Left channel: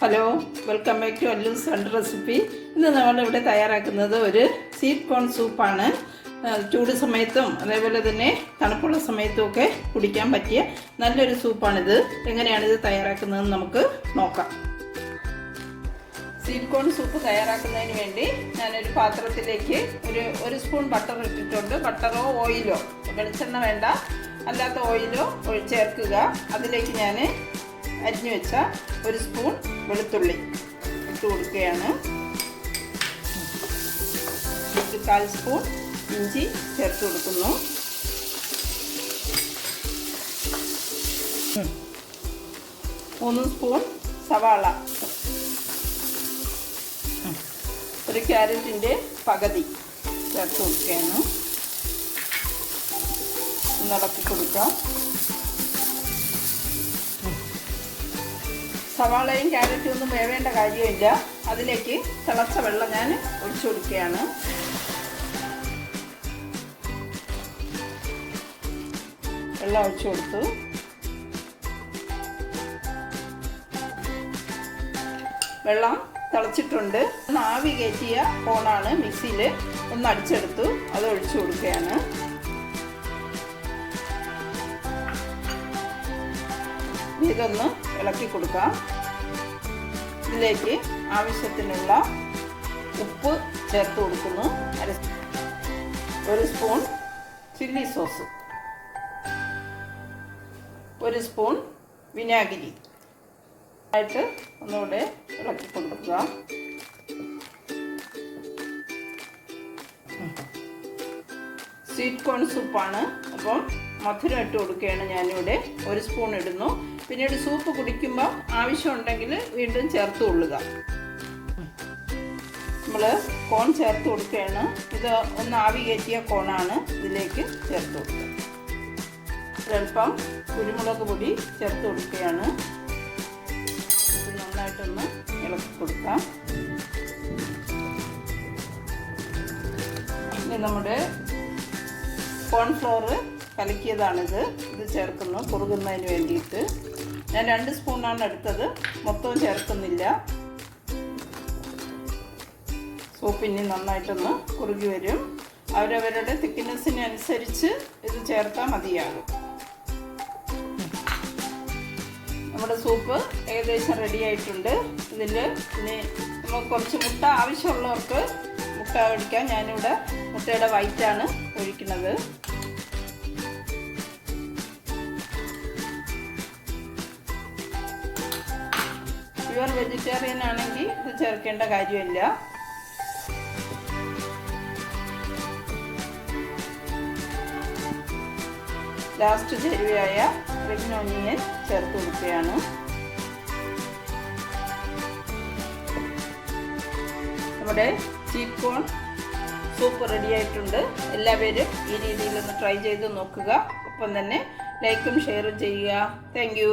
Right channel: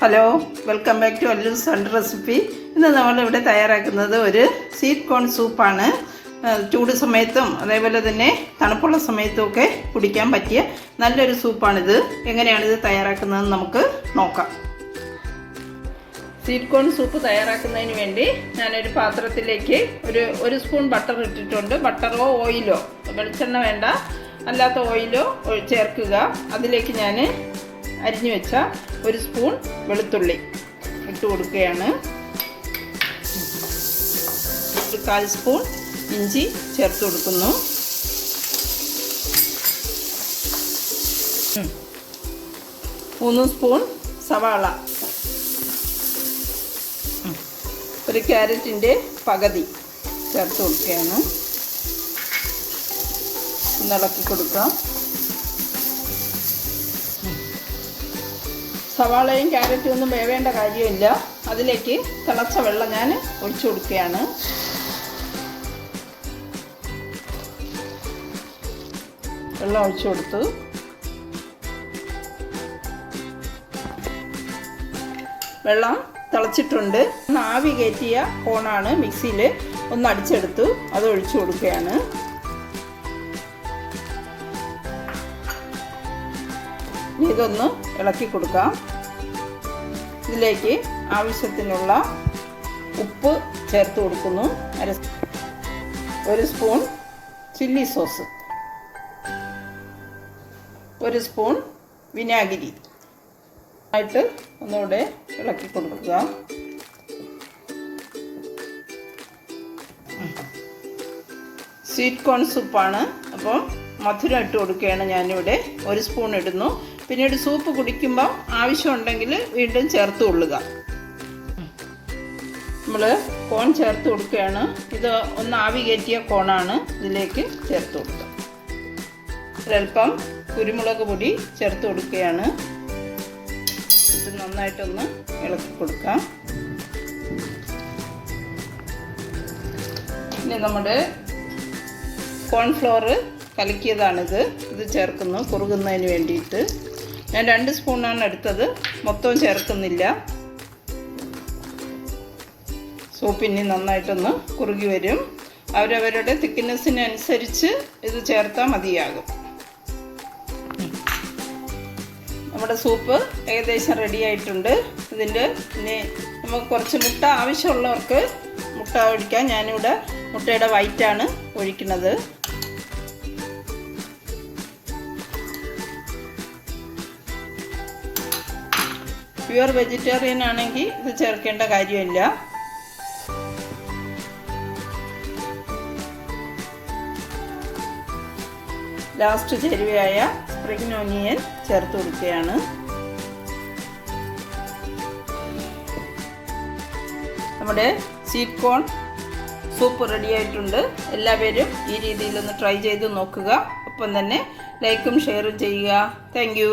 Hello welcome back to അല്ലു സൺ recipe ഇന്ന് നമ്മളിവിടെ തയ്യാറാക്കുന്നത് ഒരു സ്വീറ്റ് കോൺ സൂപ്പാണ് ചൂട് സമയത്തും അതേപോലെ തന്നെ തണുപ്പുള്ള സമയത്തും ഒക്കെ കുടിക്കാൻ പറ്റിയ നല്ലൊരു സൂപ്പാണിത് എങ്ങനെയാണിത് തയ്യാറാക്കുന്നതെന്ന് നമുക്ക് നോക്കാം. സ്വീറ്റ് കോൺ സൂപ്പ് തയ്യാറാക്കുന്നതിന് വേണ്ടി ഞാനൊരു പാത്രത്തിലേക്ക് ഒരു ഒരു സ്പൂൺ ബട്ടർ ഇട്ടിട്ടുണ്ട്. ബട്ടറോ ഓയിലോ വെളിച്ചെണ്ണ വേണ്ട. അല്ലാത്ത ഓയിലോ ചേർക്കുക. അതിലേക്ക് ഞാൻ അരിഞ്ഞു വെച്ച ഒരു സ്പൂൺ വെളുത്തുള്ളി ഇട്ട് കൊടുക്കുകയാണ്. കാൽ സ്പൂൺ ഇഞ്ചി ചേർത്ത് കൊടുക്കുന്നു. മൂന്ന് സ്പൂൺ സവാള. ഒരു ക്യാരറ്റിന്റെ പകുതി ചേർത്ത് കൊടുക്കുകയാണ്. നടത്തി കൊടുക്കാം. സവാളയും ക്യാരറ്റും ഒന്നും വേവേണ്ട കാര്യമില്ല. അതിലേക്ക് തിളച്ച വെള്ളം ഞാൻ ഒഴിച്ചു കൊടുക്കുകയാണ്. വെള്ളം ഒഴിച്ചു കൊടുത്തു. വെള്ളം തിളച്ചിട്ടുണ്ട്. ഒന്ന് ആവി കയറ്റിയ കോണാണ് മിക്സിയിൽ ഒന്ന് അടിച്ചെടുത്തു. അത് ഒഴിച്ചു കൊടുക്കുകയാണ്. ഇതൊന്ന് ഇളക്കി കൊടുക്കാം. ഇതിലേക്ക് ആവശ്യത്തിനുള്ള ഉപ്പ് ചേർത്ത് കൊടുക്കുന്നു. അര ഒരു സ്പൂൺ ചില്ലി സോസ്. ഒരു സ്പൂൺ വിനാഗിരി. ആയിട്ട് ഒന്നുകൂടെ ഇളക്കി കൊടുക്കുക. സ്വീറ്റ് കോൺ സൂപ്പാണ്. അപ്പോൾ മധുരം ഇട്ട് കൊടുക്കുകയാണ് ഞാനിവിടെ. ഒരു സ്പൂൺ ഇടുന്നു. പിന്നീട് സൂപ്പ് കുടിക്കുമ്പോൾ ആവശ്യമുണ്ടെങ്കിൽ വീണ്ടും ചേർത്ത് കൊള്ളുക. നമ്മൾ കോൺ ചേർത്ത് കൊടുക്കുകയാണ്. ഇത് ഒന്ന് ആവി കയറ്റിയ കോണാണ് ഇതിലേക്ക് ചേർത്ത് കൊടുക്കുക. ഒരൽപ്പം കുരുമുളക് പൊടി ചേർത്ത് കൊടുക്കുകയാണ്. ഇത് നന്നായിട്ടൊന്ന് ഇളക്കി കൊടുക്കാം ഇനി നമ്മുടെ കോൺഫ്ലോർ കലക്കിയതാണിത്. ഇത് ചേർക്കുന്നു കുറുകുന്നതിന് വേണ്ടിയിട്ട്. ഞാൻ രണ്ട് സ്പൂണാണ് എടുത്തത്. മൊത്തവും ചേർക്കുന്നില്ല. സൂപ്പ് ഇനി നന്നായിട്ടൊന്ന് കുറുകി വരും. അവരവരുടെ തിക്നെസ്സിനനുസരിച്ച് ഇത് ചേർത്താൽ മതിയാകും. നമ്മുടെ സൂപ്പ് ഏകദേശം റെഡി ആയിട്ടുണ്ട്. ഇനി നമുക്ക് കുറച്ച് മുട്ട ആവശ്യമുള്ളവർക്ക് മുട്ട ഒഴിക്കാം. ഞാനിവിടെ മുട്ടയുടെ വൈറ്റാണ് ഒഴിക്കുന്നത്. പ്യുവർ വെജിറ്റേറിയൻ ആണെങ്കിൽ ഇത് ചേർക്കേണ്ട കാര്യമില്ല. ലാസ്റ്റ് ചേരുവയായ സ്പ്രിംഗ് ഓനിയൻ ചേർത്ത് കൊടുക്കുകയാണ്. നമ്മുടെ സ്വീറ്റ് കോൺ സൂപ്പ് റെഡി ആയിട്ടുണ്ട്. എല്ലാവരും ഈ രീതിയിലൊന്ന് ട്രൈ ചെയ്ത് നോക്കുക. ഒപ്പം തന്നെ ലൈക്കും ഷെയറും ചെയ്യുക. താങ്ക്